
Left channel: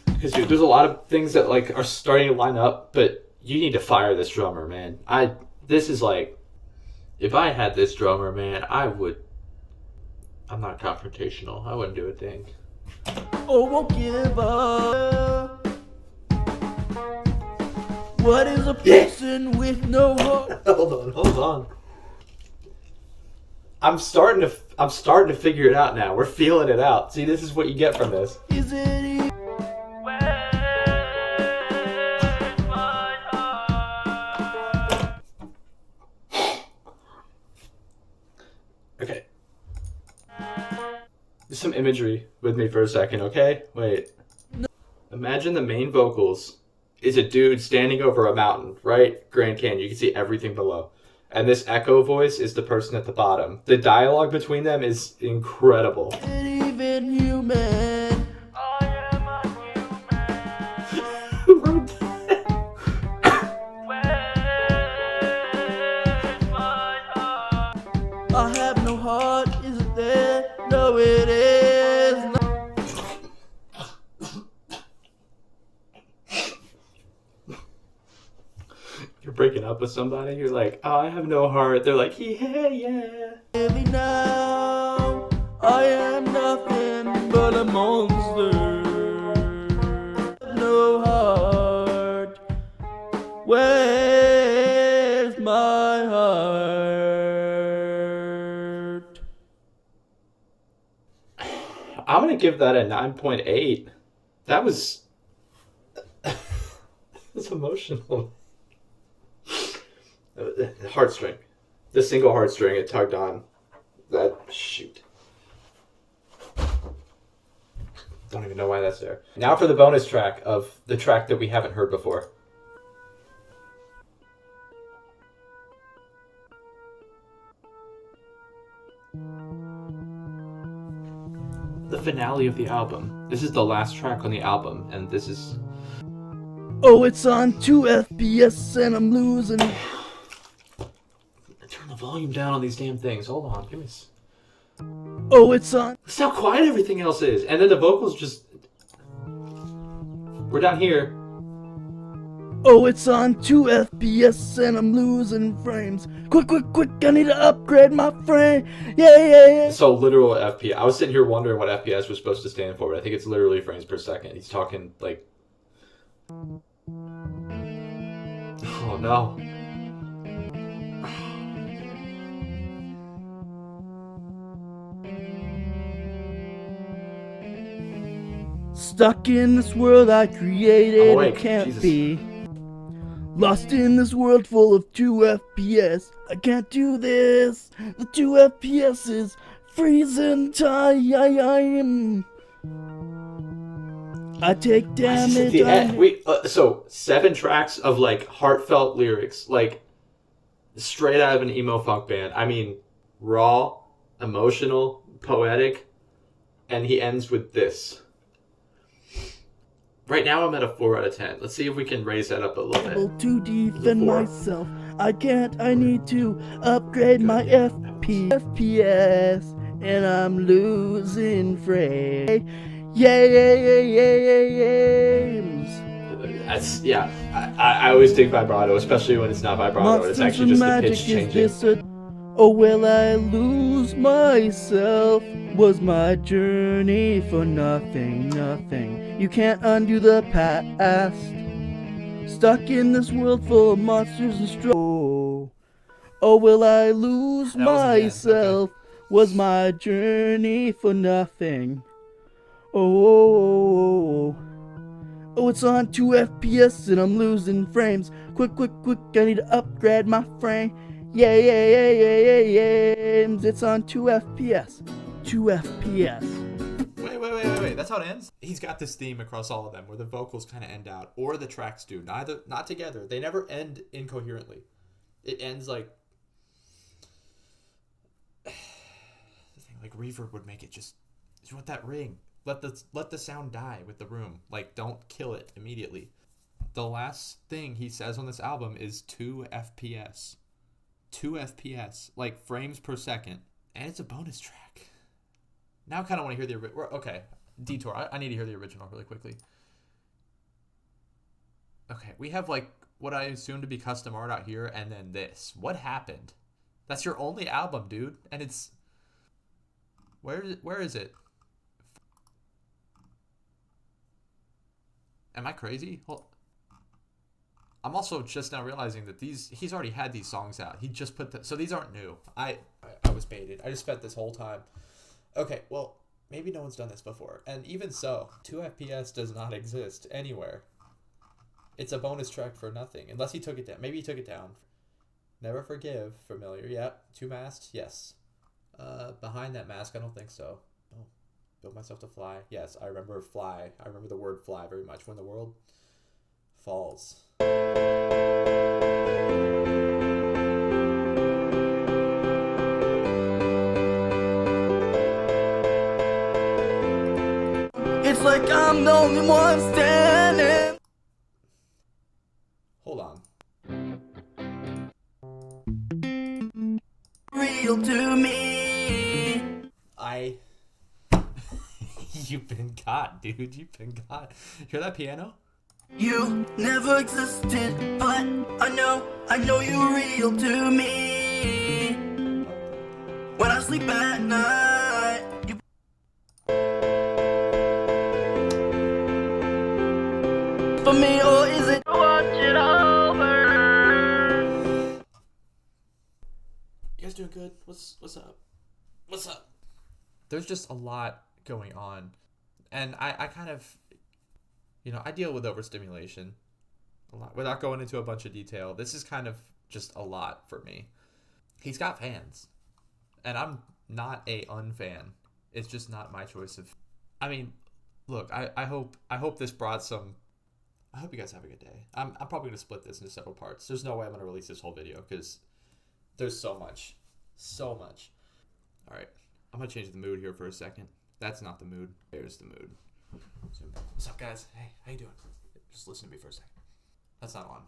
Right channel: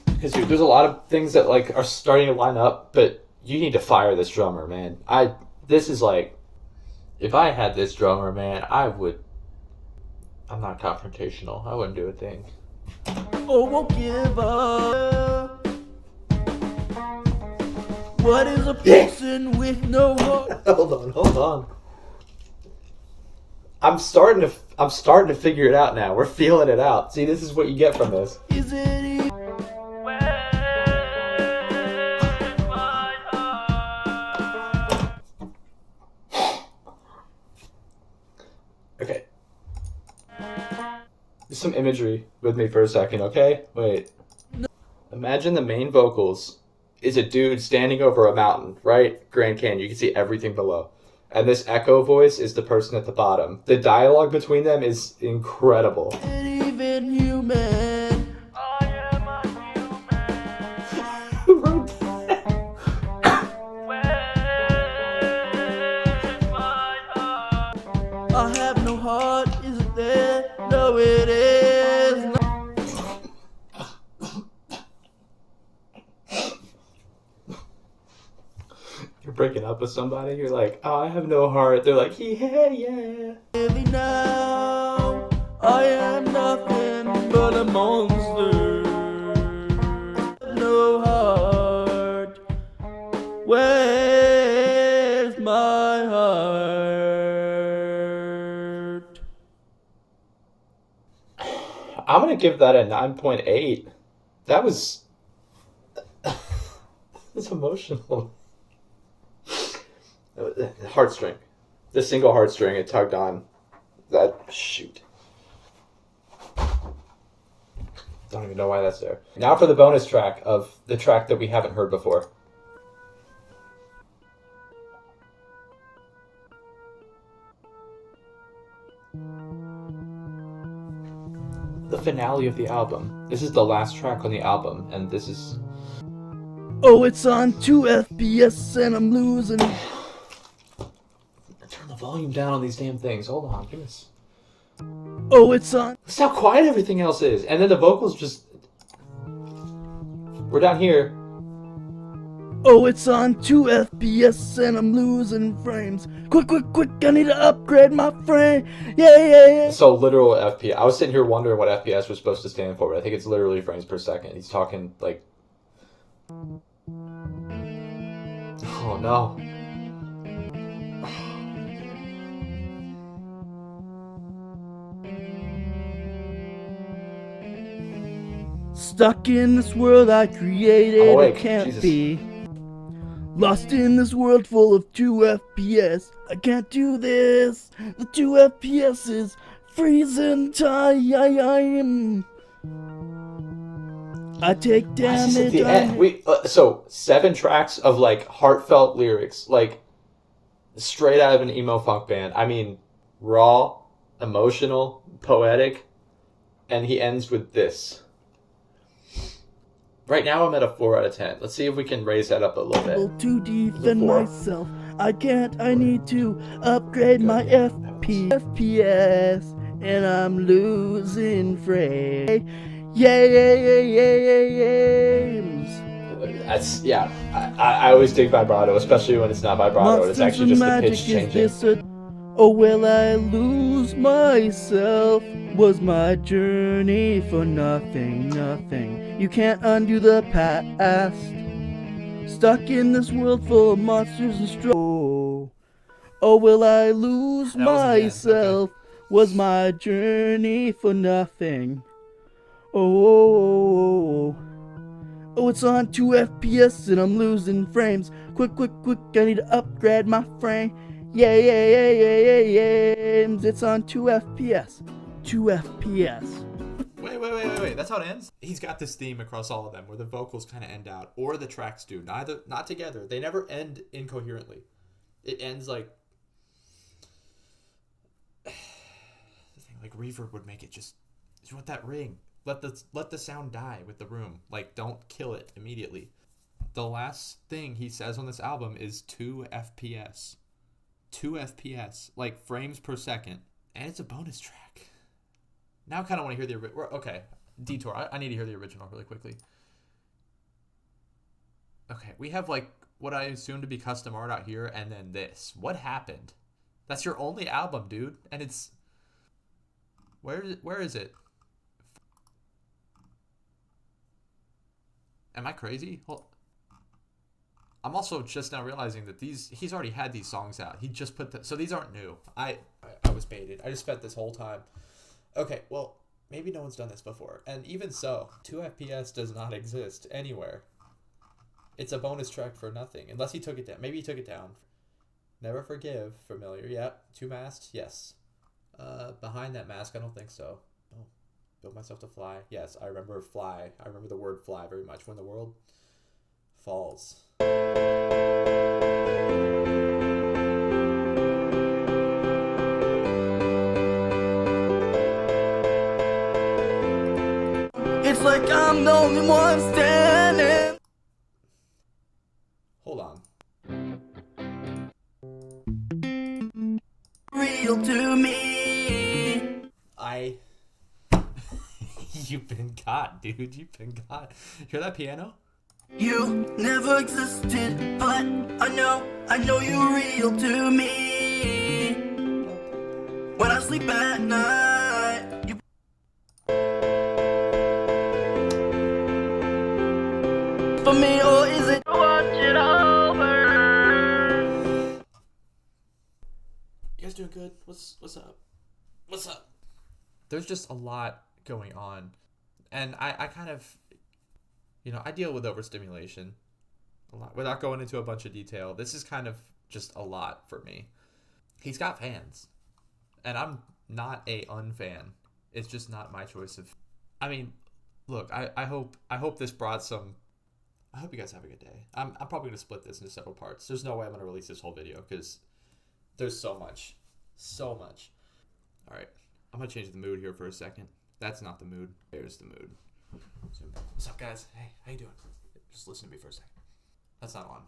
Because dude, there's a lot of things that like are starting to line up, but you need to fire this drummer, man. This is like, if I had this drummer, man, I'm not confrontational. I wouldn't do a thing. Oh, won't give up. What is a person with no heart? Hold on. I'm starting to figure it out now. We're feeling it out. See, this is what you get from this. Is it easy? Okay. Just some imagery with me for a second, okay? Wait. Imagine the main vocals is a dude standing over a mountain, right? Grand Canyon. You can see everything below. And this echo voice is the person at the bottom. The dialogue between them is incredible. Even human. I am a human. Who wrote that? Where's my heart? I have no heart, is it there? No, it is not. You're breaking up with somebody, you're like, oh, I have no heart. They're like, yeah. Maybe now I am nothing but a monster. No heart. Where's my heart? I'm gonna give that a 9.8. That was it's emotional. Heartstring. The single heartstring it tugged on. That shoot. Don't even know why that's there. Now for the bonus track of the track that we haven't heard before. The finale of the album. This is the last track on the album, and this is... Oh, it's on 2 FPS and I'm losing. Turn the volume down on these damn things. Hold on, give me this. Oh, it's on. That's how quiet everything else is. And then the vocals just... We're down here. Oh, it's on 2 FPS and I'm losing frames. Quick, I need to upgrade my frame. Yeah. So literal FPS. I was sitting here wondering what FPS was supposed to stand for, but I think it's literally frames per second. He's talking like... Oh no. Stuck in this world I created, Awake. it can't Jesus. be. Lost in this world full of 2 FPS. I can't do this. The 2 FPS is freezing time. I take This is at damage. the end. So 7 tracks of like heartfelt lyrics, like straight out of an emo funk band. I mean, raw, emotional, poetic, and he ends with this. Right now I'm at a 4 out of 10. Let's see if we can raise that up a little bit. To defend myself, I can't. I need to upgrade my FPS, and I'm losing frame. That's, yeah. I always dig vibrato, especially when it's not vibrato. It's Monsters actually and just the magic, pitch is changing. this a... Oh, will I lose myself? Was my journey for nothing, nothing? You can't undo the past. Stuck in this world full of monsters and oh, will I lose myself? Was my journey for nothing? Oh, it's on 2 FPS and I'm losing frames. Quick, I need to upgrade my frame. Yeah. It's on 2 FPS. 2 FPS. Wait. That's how it ends? He's got this theme across all of them where the vocals kind of end out, or the tracks do. Not together. They never end incoherently. It ends like... the thing, like reverb would make it just... You want that ring. Let the sound die with the room. Like, don't kill it immediately. The last thing he says on this album is 2 FPS. 2 FPS. Like, frames per second. And it's a bonus track. Now I kind of want to hear the... Okay, detour. I need to hear the original really quickly. Okay, we have, like, what I assume to be custom art out here, and then this. What happened? That's your only album, dude. And it's... Where is it? Am I crazy? Well, I'm also just now realizing that he's already had these songs out. He just put so these aren't new. I was baited. I just spent this whole time. Okay, well, maybe no one's done this before. And even so, 2 FPS does not exist anywhere. It's a bonus track for nothing. Unless he took it down. Maybe he took it down. Never Forgive, familiar. Yeah. 2 Masked, yes. Behind that mask, I don't think so. Oh. Build Myself to Fly. Yes, I remember fly. I remember the word fly very much. When the World Falls. It's like I'm the only one standing. Hold on. Real to me. You've been got, dude. You've been got. Hear that piano? You never existed, but I know you're real to me. When I sleep at night, you for me, or is it watch it over? You guys doing good? What's up? What's up? There's just a lot going on. And I kind of, I deal with overstimulation a lot. Without going into a bunch of detail, this is kind of just a lot for me. He's got fans. And I'm not a unfan. It's just not my choice of... I mean, look, I hope this brought some... I hope you guys have a good day. I'm probably going to split this into several parts. There's no way I'm going to release this whole video because there's so much. So much. All right. I'm going to change the mood here for a second. That's not the mood. There's the mood. So, what's up, guys? Hey, how you doing? Just listen to me for a second. That's not on.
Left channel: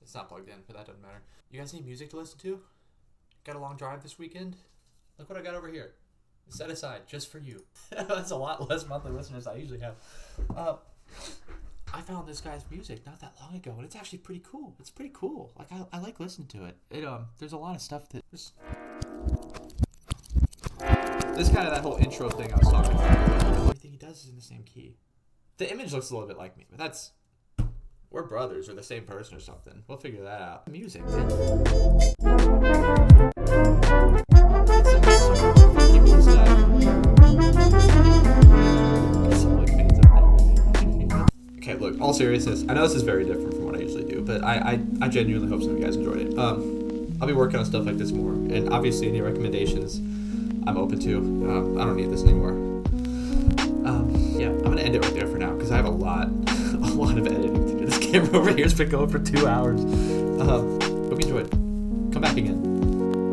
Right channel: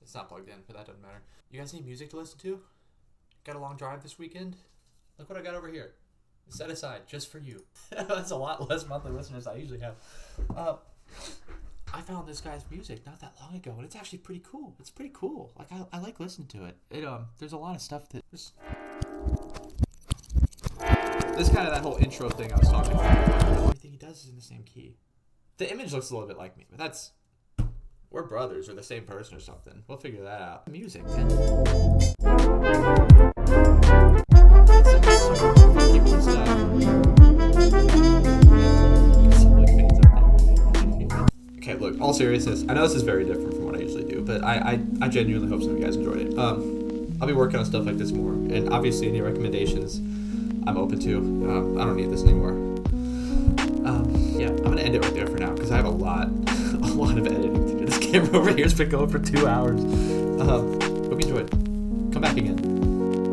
It's not plugged in, but that doesn't matter. You guys need music to listen to? Got a long drive this weekend? Look what I got over here. Set aside just for you. That's a lot less monthly listeners than I usually have. I found this guy's music not that long ago, and it's actually pretty cool. It's pretty cool. Like I like listening to it. There's a lot of stuff that this kind of that whole intro thing I was talking about. Everything he does is in the same key. The image looks a little bit like me, but that's... We're brothers or the same person or something. We'll figure that out. Music, man. It's some funky stuff. Some like fancy Okay, look, all seriousness, I know this is very different from what I usually do, but I genuinely hope some of you guys enjoyed it. I'll be working on stuff like this more, and obviously any recommendations I'm open to. I don't need this anymore. Yeah, I'm gonna end it right there for now because I have a lot of editing to do. This camera over here has been going for 2 hours. Hope you enjoyed. Come back again.